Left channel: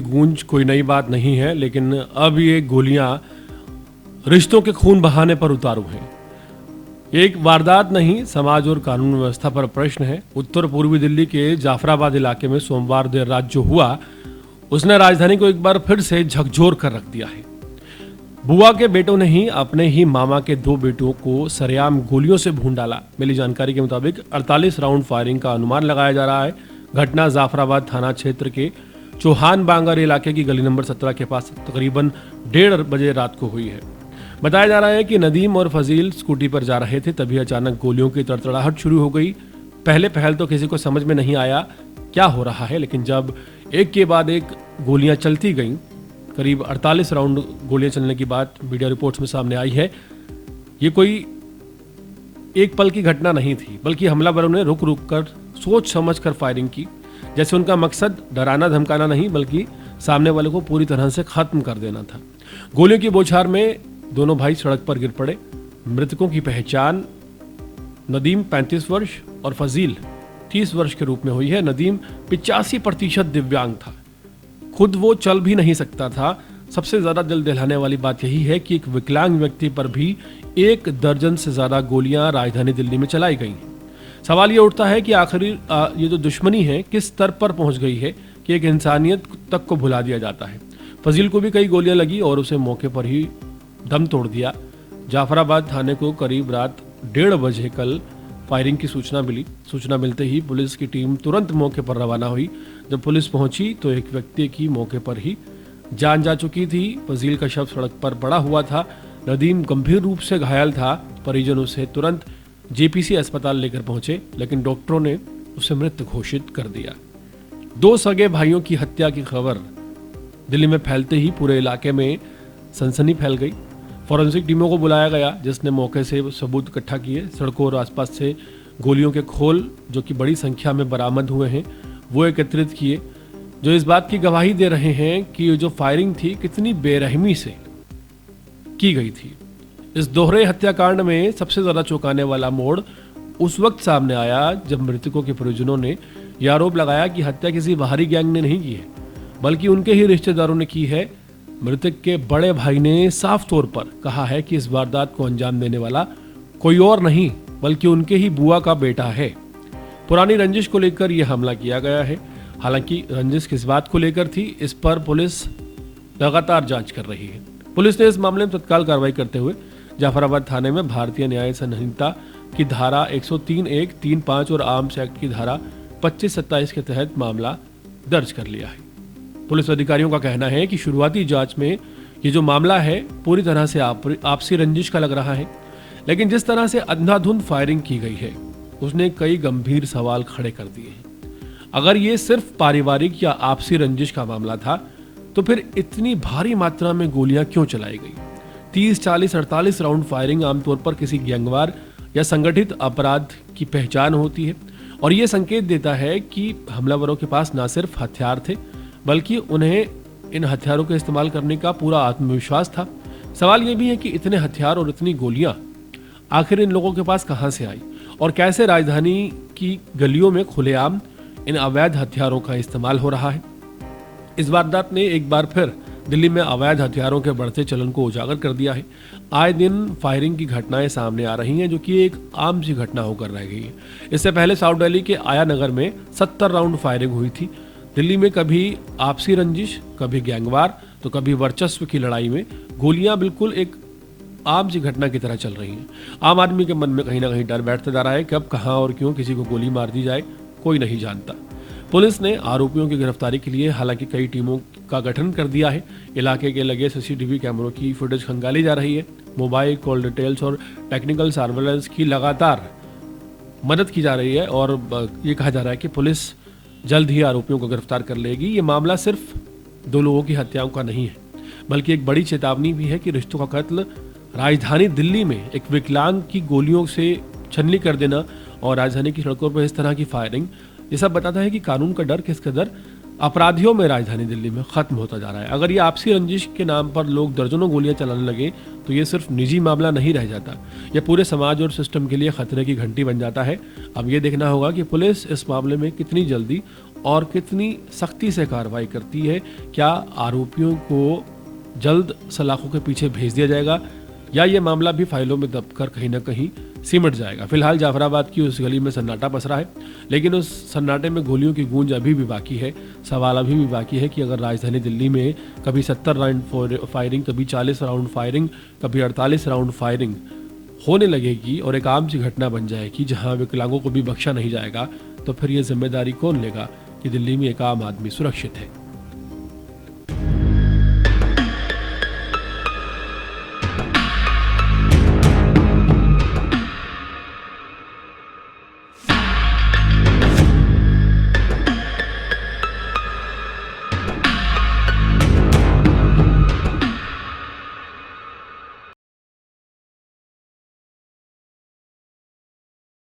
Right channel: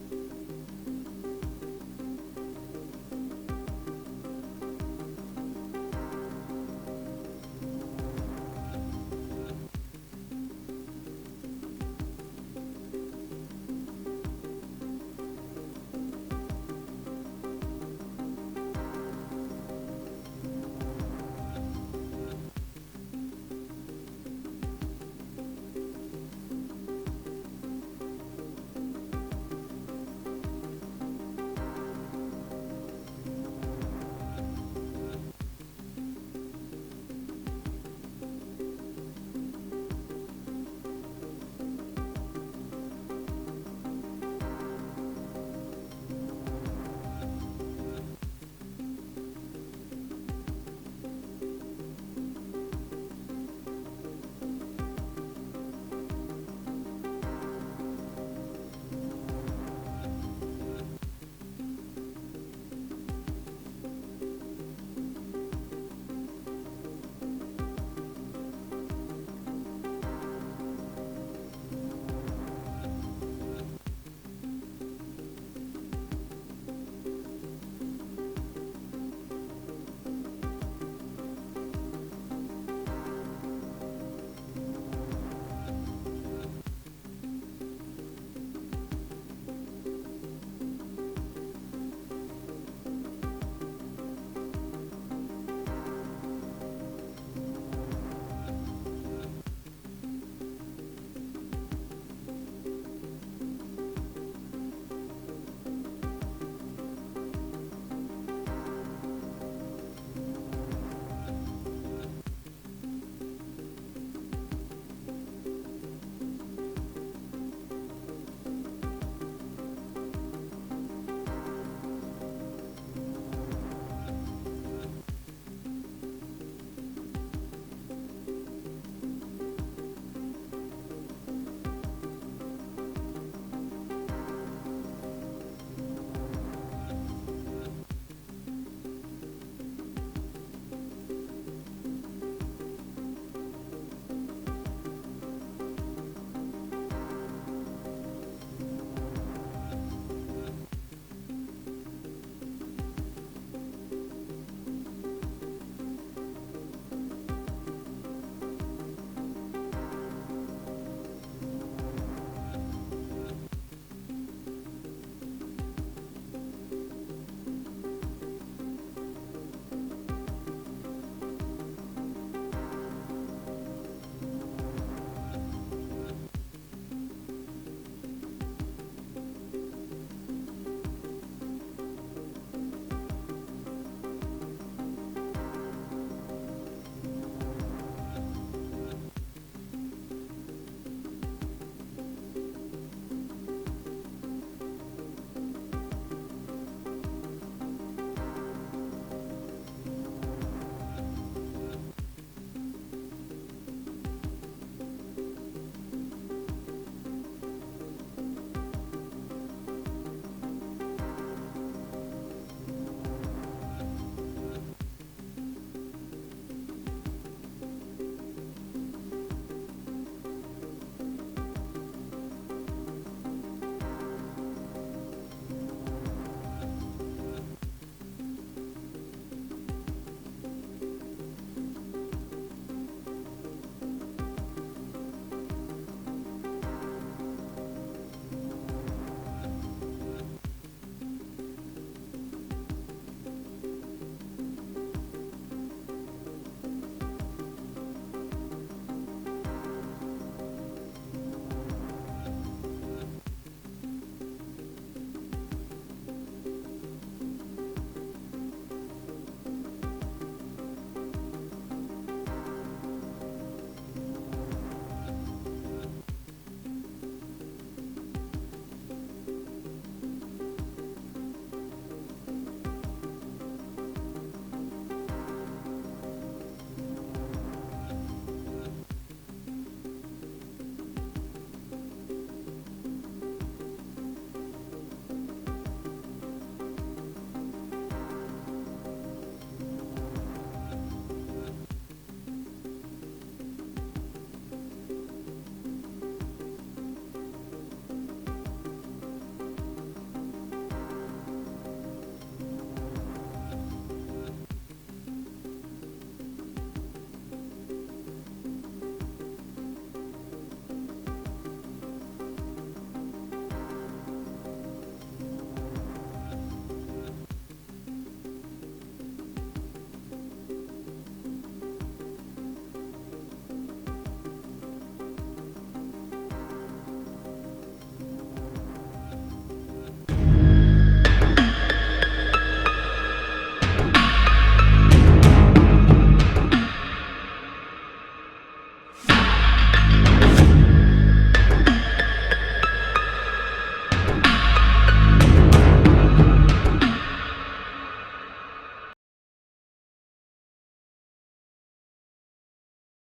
की गूंज कोई नई बात नहीं है, लेकिन अब ये गोलियां रिश्तों के खून बहाने पर उतारू हैं। एक वारदात नहीं, समाज और कानून व्यवस्था पर प्रश्न है। उत्तर पूर्वी दिल्ली के जाफराबाद इलाके में सोमवार देर रात जो हुआ, उसने राजधानी को एक बार फिर से झकझोर कर रख दिया है। बुआ के बेटों ने ही अपने ही मामा के 2 बेटों को सरेआम गोलियों से भून डाला। मिली जानकारी के मुताबिक 48 राउंड फायरिंग का अनुमान लगाया जा रहा है। घटना जाफराबाद थाना क्षेत्र के चौहान बांगर इलाके की गली नंबर 17 के पास तकरीबन 1:30 बजे रात को हुई है। बताया जा रहा है कि नदीम और फजील स्कूटी पर जा रहे थे, तभी अचानक गोलियों की तड़तड़ाहट शुरू हो गई। पहल तो किसी को समझ में नहीं आया क्या हो रहा है, लेकिन जब एक के बाद एक गोलियां चलती गईं, करीब 48 राउंड गोलियां चलने की बात मीडिया रिपोर्ट्स में सामने आई है। ये कोई एक पल की घटना नहीं थी, बल्कि हमलावरों ने रुक रुक कर सोच समझ कर फायरिंग की। जैसे उनका मकसद डराना धमकाना नहीं, बल्कि सामने वाले को पूरी तरह से खत्म कर देना था। गोलियों की बौछार में दोनों भाई सड़क पर गिर पड़े। मृतकों की पहचान नदीम 35 वर्ष और फजील 30 वर्ष के रूप में हुई है। नदीम 85% दिव्यांग था, खुद वो चल भी नहीं सकता था। सबसे ज्यादा दिल दहलाने वाली बात यही है कि एक विकलांग व्यक्ति पर भी 1 दर्जन से ज्यादा गोलियां राजधानी दिल्ली में चलाई गई। सवाल ये उठता है कि आखिर ये जो दुश्मनी है किस स्तर पर पहुंच गई है कि एक इंसानियत तक को भुला दिया जाता है। फजील को भी कई गोलियां लगी और उसे मौके पर ही दम तोड़ दिया। जाफराबाद थाने को करीब रात 1:30 बजे कल फायरिंग की सूचना मिली। सूचना मिलते ही पुलिस की टीम तुरंत मौके पर रवाना हुई। जब पुलिस पहुंची तो एक व्यक्ति की मौके पर ही जान जा चुकी थी। फजील का शव सड़क पर पड़ा हुआ था। नदीम गंभीर रूप से घायल था। परिजन उसे तुरंत जेपीसी अस्पताल लेकर पहुंचे, लेकिन डॉक्टरों ने उसे मृत घोषित कर दिया। 2 सगे भाइयों की हत्या की खबर दिल्ली में फैलते ही पूरे इलाके में सनसनी फैल गई। फॉरेंसिक टीमों को बुलाया गया, जिसने मौके से सबूत इकट्ठा किए। सड़कों और आसपास से गोलियों के खोल, जो कि बड़ी संख्या में बरामद हुए हैं, वो एकत्रित किए, जो इस बात की गवाही दे रहे हैं कि ये जो फायरिंग थी कितनी बेरहमी से की गई थी। इस दोहरे हत्याकांड में सबसे ज्यादा चौंकाने वाला मोड़ उस वक्त सामने आया जब मृतकों के परिजनों ने यह आरोप लगाया कि हत्या किसी बाहरी गैंग ने नहीं की है, बल्कि उनके ही रिश्तेदारों ने की है। मृतक के बड़े भाई ने साफ तौर पर कहा है कि इस वारदात को अंजाम देने वाला कोई और नहीं, बल्कि उनके ही बुआ का बेटा है। पुरानी रंजिश को लेकर यह हमला किया गया है। हालांकि रंजिश किस बात को लेकर थी, इस पर पुलिस लगातार जांच कर रही है। पुलिस ने इस मामले में तत्काल कार्रवाई करते हुए जाफराबाद थाने में भारतीय न्याय संहिता की धारा 103(1), 3(5) और आर्म्स एक्ट की धारा 25-27 के तहत मामला दर्ज कर लिया है। पुलिस अधिकारियों का कहना है कि शुरुआती जांच में ये जो मामला है पूरी तरह से आपसी रंजिश का लग रहा है, लेकिन जिस तरह से अंधाधुंध फायरिंग की गई है उसने कई गंभीर सवाल खड़े कर दिए। अगर ये सिर्फ पारिवारिक या आपसी रंजिश का मामला था तो फिर इतनी भारी मात्रा में गोलियां क्यों चलाई गई? 30, 40, 48 राउंड फायरिंग आमतौर पर किसी गैंगवार या संगठित अपराध की पहचान होती है, और ये संकेत देता है कि हमलावरों के पास न सिर्फ हथियार थे, बल्कि उन्हें इन हथियारों का इस्तेमाल करने का पूरा आत्मविश्वास था। सवाल यह भी है कि इतने हथियार और इतनी गोलियां आखिर इन लोगों के पास कहां से आई, और कैसे राजधानी की गलियों में खुलेआम इन अवैध हथियारों का इस्तेमाल हो रहा है। इस वारदात ने एक बार फिर दिल्ली में अवैध हथियारों के बढ़ते चलन को उजागर कर दिया है। आए दिन फायरिंग की घटनाएं सामने आ रही हैं, जो कि एक आम सी घटना होकर रह गई है। इससे पहले साउथ दिल्ली के आया नगर में 70 राउंड फायरिंग हुई थी। दिल्ली में कभी आपसी रंजिश, कभी गैंगवार, तो कभी वर्चस्व की लड़ाई में गोलियां बिल्कुल एक आम सी घटना की तरह चल रही हैं। आम आदमी के मन में कहीं ना कहीं डर बैठता जा रहा है कि अब कहां और क्यों किसी को गोली मार दी जाए, कोई नहीं जानता। पुलिस ने आरोपियों की गिरफ्तारी के लिए हालांकि कई टीमों का गठन कर दिया है। इलाके के लगे सीसीटीवी कैमरों की फुटेज खंगाली जा रही है। मोबाइल कॉल डिटेल्स और टेक्निकल सर्वेलेंस की लगातार मदद की जा रही है, और ये कहा जा रहा है कि पुलिस जल्द ही आरोपियों को गिरफ्तार कर लेगी। ये मामला सिर्फ 2 लोगों की हत्याओं का नहीं है, बल्कि एक बड़ी चेतावनी भी है कि रिश्तों का कत्ल राजधानी दिल्ली में एक विकलांग की गोलियों से छलनी कर देना और राजधानी की सड़कों पर इस तरह की फायरिंग, ये सब बताता है कि कानून का डर किस कदर अपराधियों में राजधानी दिल्ली में खत्म होता जा रहा है। अगर ये आपसी रंजिश के नाम पर लोग दर्जनों गोलियां चलाने लगे तो ये सिर्फ निजी मामला नहीं रह जाता, यह पूरे समाज और सिस्टम के लिए खतरे की घंटी बन जाता है। अब ये देखना होगा कि पुलिस इस मामले में कितनी जल्दी और कितनी सख्ती से कार्रवाई करती है। क्या आरोपियों को जल्द सलाखों के पीछे भेज दिया जाएगा या ये मामला भी फाइलों में दबकर कहीं ना कहीं सिमट जाएगा। फिलहाल जाफराबाद की उस गली में सन्नाटा पसरा है, लेकिन उस सन्नाटे में गोलियों की गूंज अभी भी बाकी है। सवाल अभी भी बाकी है कि अगर राजधानी दिल्ली में कभी 70 राउंड फायरिंग, कभी 40 राउंड फायरिंग, कभी 48 राउंड फायरिंग होने लगेगी और एक आम सी घटना बन जाएगी जहां विकलांगों को भी बख्शा नहीं जाएगा, तो फिर ये जिम्मेदारी कौन लेगा कि दिल्ली में एक आम आदमी सुरक्षित है।